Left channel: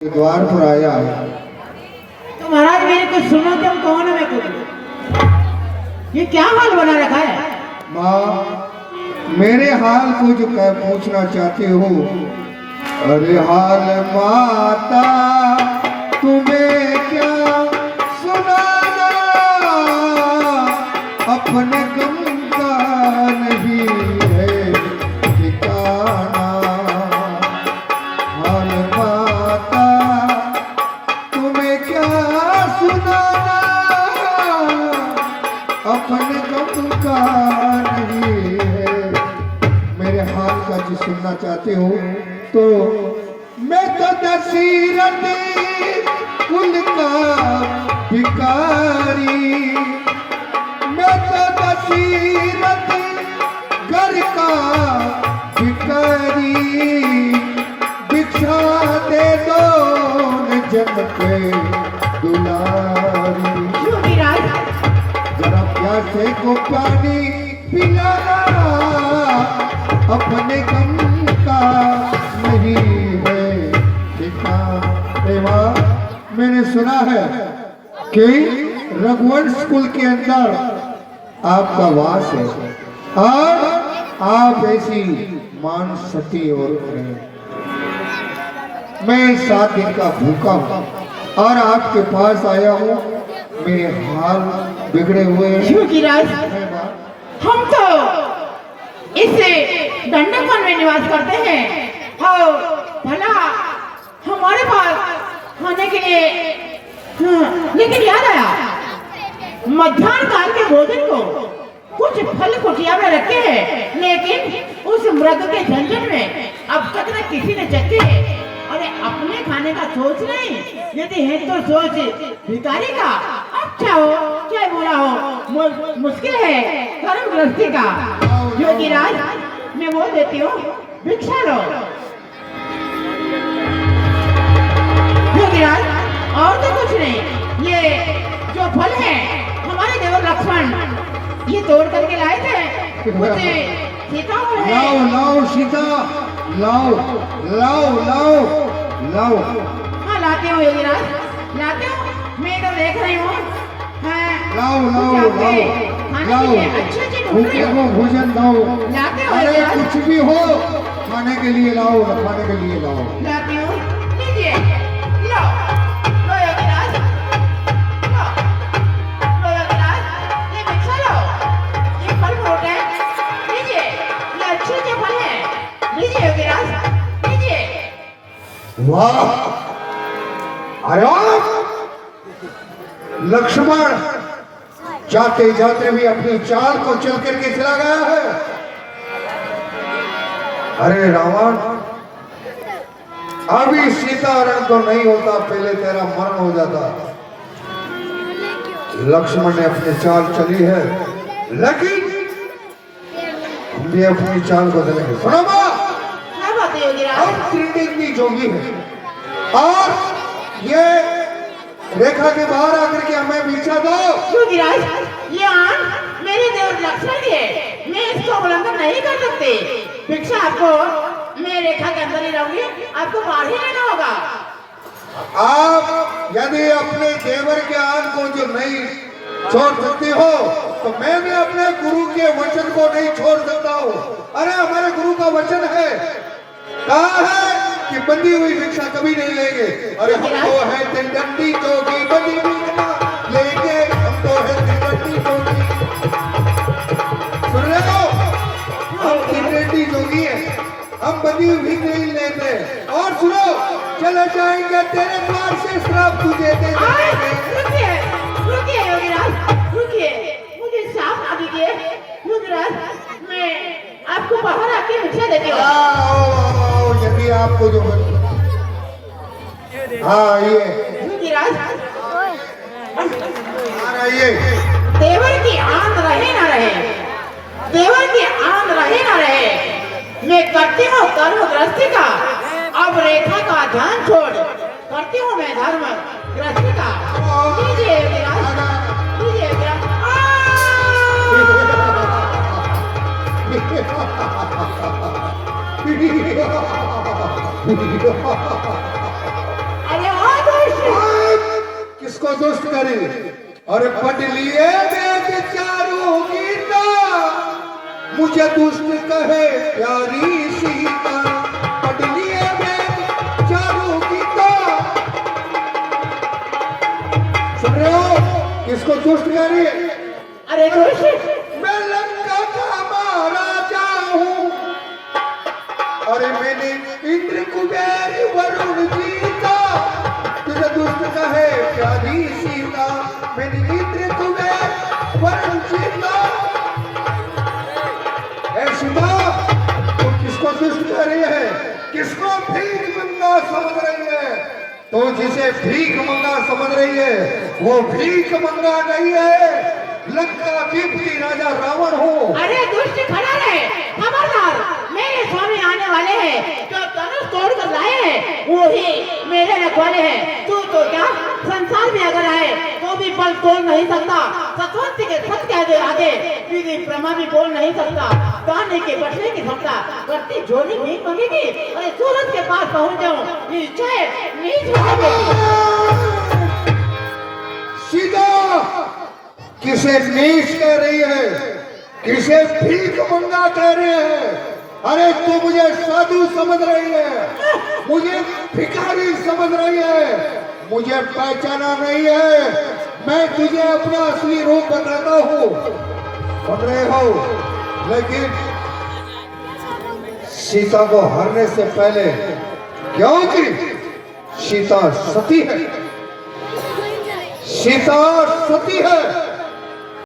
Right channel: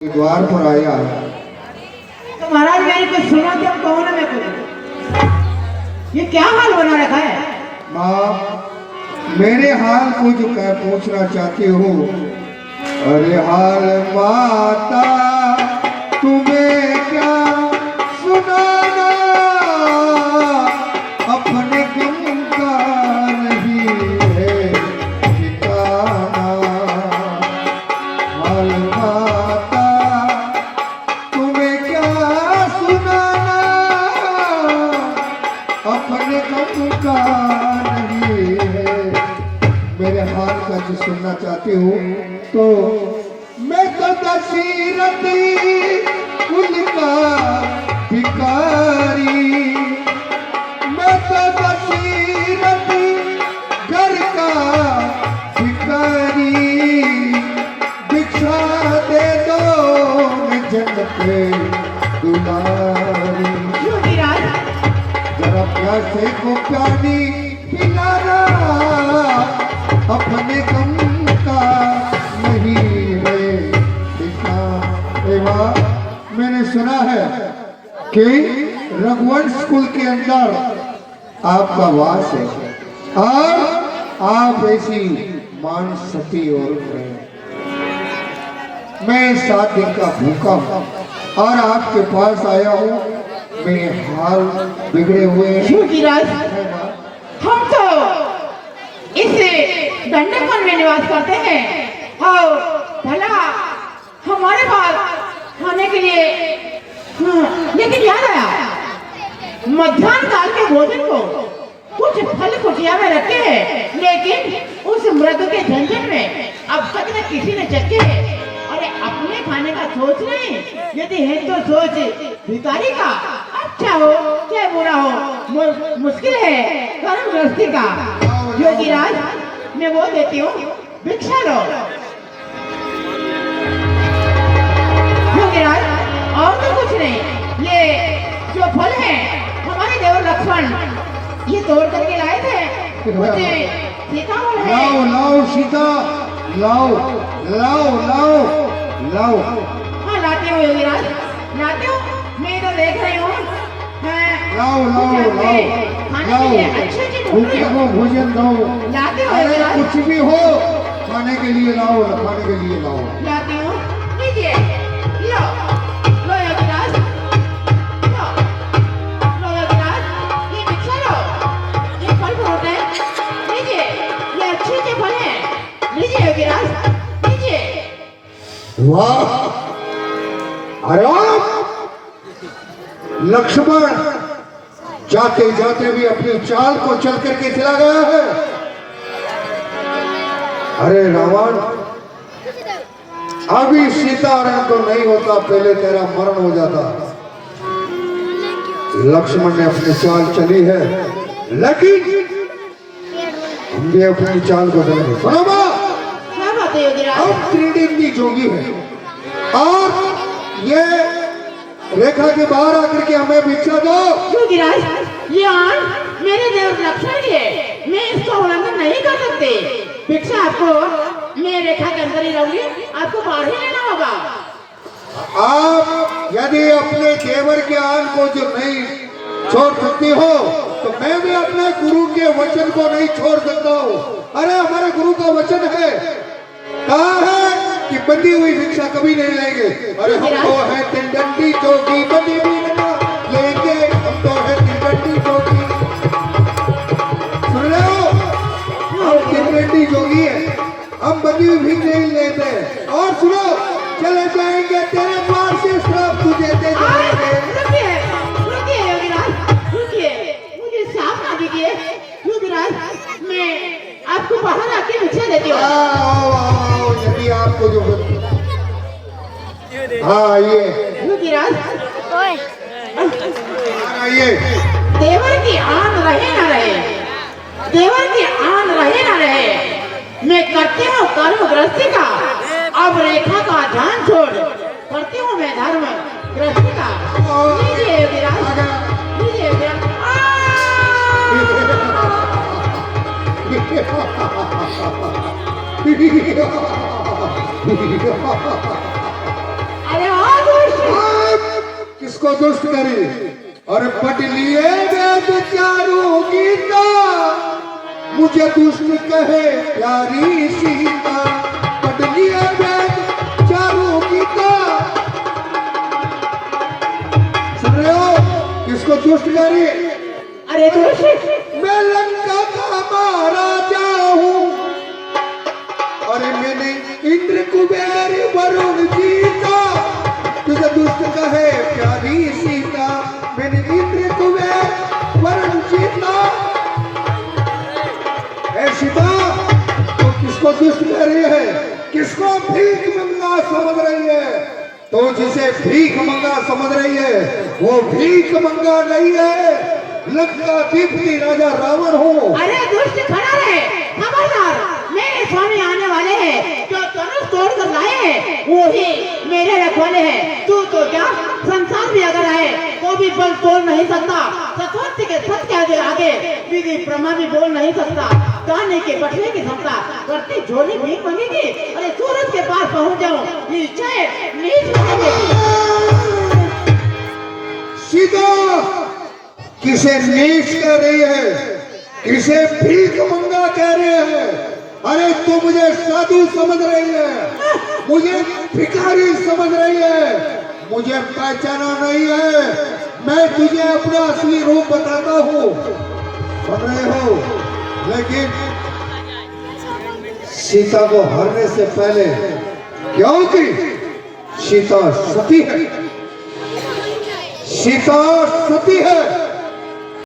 द्वार पर आया। तो महाराज मैंने कुछ सुना, तुम कौन है? मैं कुछ ये क्या हाल बना रखा है? माँ, मेरे हाल को जो पूछना चाहते हो? अरे हाल माता तुम्हें क्या सुनाना, अपने गम का नहीं है ठिकाना। हाल माता तुम्हें क्या सुनाना, अपने गम का नहीं है। मेरे हाल का जो सुनना चाहते हो तो मैं तो दशरथ उनका भिखारी, मैं तो दशरथ घर का भिखारी। भिक्षा दे दो जन पे दुलारी, जरा प्यासे को पानी पिलाना, अपने गम का नहीं है ठिकाना। मैंने सुना है कि रघुवंश कुल के अंदर आपका वास है और आप ऐसी मान सती और मैं 7 दिन का भूखा हूँ और आपके पास आया हूँ। मेरे हाल बिगड़े हुए हैं। हम तो इस दंडकवन में निवास करते हैं और भला हमारे पास खाने के लिए लेकिन याद आया, मध्याह्न काल के भोजन को कुछ फल कुटिया में रखे हैं, लेकिन उस मृदु के झंझट में अब तक न किसी ने चखे। अरे अपने खाने का सोच नहीं, यदि है तो सोच भिखारी का। अच्छा हो चाहे बुरा हो, मुश्किल है कर्म गृहस्थी का। योगीराज, मैं वो देती हूँ, भिक्षा लो। योगीराज, और तो कुछ नहीं, ये जो फल है हमारे देवर लक्ष्मण ये तोड़ करके लाए थे, मुझे सीता है। लाओ लाओ सीता, लाओ लाओ लाओ लाओ। हाँ लाते हो योगीराज, लाते हो, मैं तो देख रही हूँ। लाओ लाओ लाओ लाओ, भोजन दो। अरे कुछ भी हो खाने के लिए लाओ, खाने के लिए लाओ। लाती हूँ, लीजिए, लो, लो योगीराज, लो, लो योगीराज, ये भिक्षा लो, ये फल फ्रूट है, लीजिए, ये अच्छे फल हैं, लीजिए योगीराज, लीजिए। वाह, अरे लक्ष्मण जाते जाते भी अपनी चाल को चल करके चला गया है। अरे रावण, अभी सीतारण तो नहीं होता, पहले तेरा मरण हो जाता। लक्ष्मण ने अपनी चाल चली है, लेकिन हम भी अपनी चाल को चलेंगे। सुनो मां, क्या बात है योगीराज? अब त्रिदिग्नी जोगी है और ये रेखा के बाहर आकर के हमें भिक्षा दो। योगीराज, ये आन मेरे देवर लक्ष्मण की है, मैं इसका उल्लंघन नहीं कर सकती। भिक्षा आपको, मैं रेखा के अंदर ही रहूंगी, आपको बाहर ही रहना होगा। आप यदि अपने देवर के आन को जो नहीं छोड़ सकते हो तो मैं भी अपने गुरु के वचन को नहीं छोड़ सकता हूँ। अरे हमारे गुरु का वचन है, कहा है कि बंधी हुई भिक्षा कभी नहीं लेंगे। अरे हम तो है तिलडंडी जोगी, बंधी भी लेंगे, हम तो है तिलडंडी जोगी। सुन रहे हो, हम तिलडंडी जोगी है, हम बंधी हुई भिक्षा नहीं लेते। और सुनो, चले जाएंगे तेरे द्वार से श्राप तुझे दे जाएंगे। रुकिए, रुकिए योगीराज, रुकिए, मुझे श्राप ना दीजिए। योगीराज, मैं आपको बाहर आके भिक्षा देती हूँ। यदि आपको जो हाँ ये योगीराज, ये देवर की आन रहे ना रहे, देवर की आन रहे ना रहे, मैं करती हूँ कर्म गृहस्थी का। अब रेखा का ध्यान छोड़ करती हूँ मैं धर्म गृहस्थी का। लीजिए योगीराज, लीजिए योगीराज। किसको दुष्ट करी और पढ़ लिए वेद चारों गीता, मुझे दुष्ट कहे प्यारी सीता। पढ़ लिए वेद चारों गीता, सुन रहे हो किसको दुष्ट करी? अरे दुष्ट, मैं लंका का महाराजा हूँ, अरे मैंने इंद्र कुबेर वरुण जीता। तुझे दुष्ट कहे प्यारी सीता, मैंने इंद्र कुबेर वरुण जीता। ए सीता, तो किसको दुष्ट कह रही है? किसको भीख मंगा समझ रही है? तो जिसे भीख मंगा समझ रही है वो भीख मंगा नहीं है, लंकाधिपति राजा रावण हो। अरे दुष्ट खड़ा रहे, खबरदार, मेरे स्वामी आने वाले हैं, जो धनुष तोड़ कर लाए हैं वो ही मेरे रखवाले हैं। तू तो क्या संसार भी अगर आए तो भी बल तोड़ नहीं सकता। सतवंती के सत्य आगे विधि ब्रह्मा भी बोल नहीं सकता। गाने के बटने की क्षमता करती झोली भीख मांगेगी। अरे सूरज के पास पहुंच जाऊं निश्चय नीच सीता किसे नीच कह रही है, किसे भीख मंगा कह रहे हैं? अरे तू मुझे साधु समझ रही है, मुझे भिखारी समझ रही है, मुझे पहचाना नहीं है। मैं तुझे अपना असली रूप बताता हूँ, सुन रहे हो? लेकिन सीता को हरने से पहले, क्योंकि सीता सती है, सीता सती है,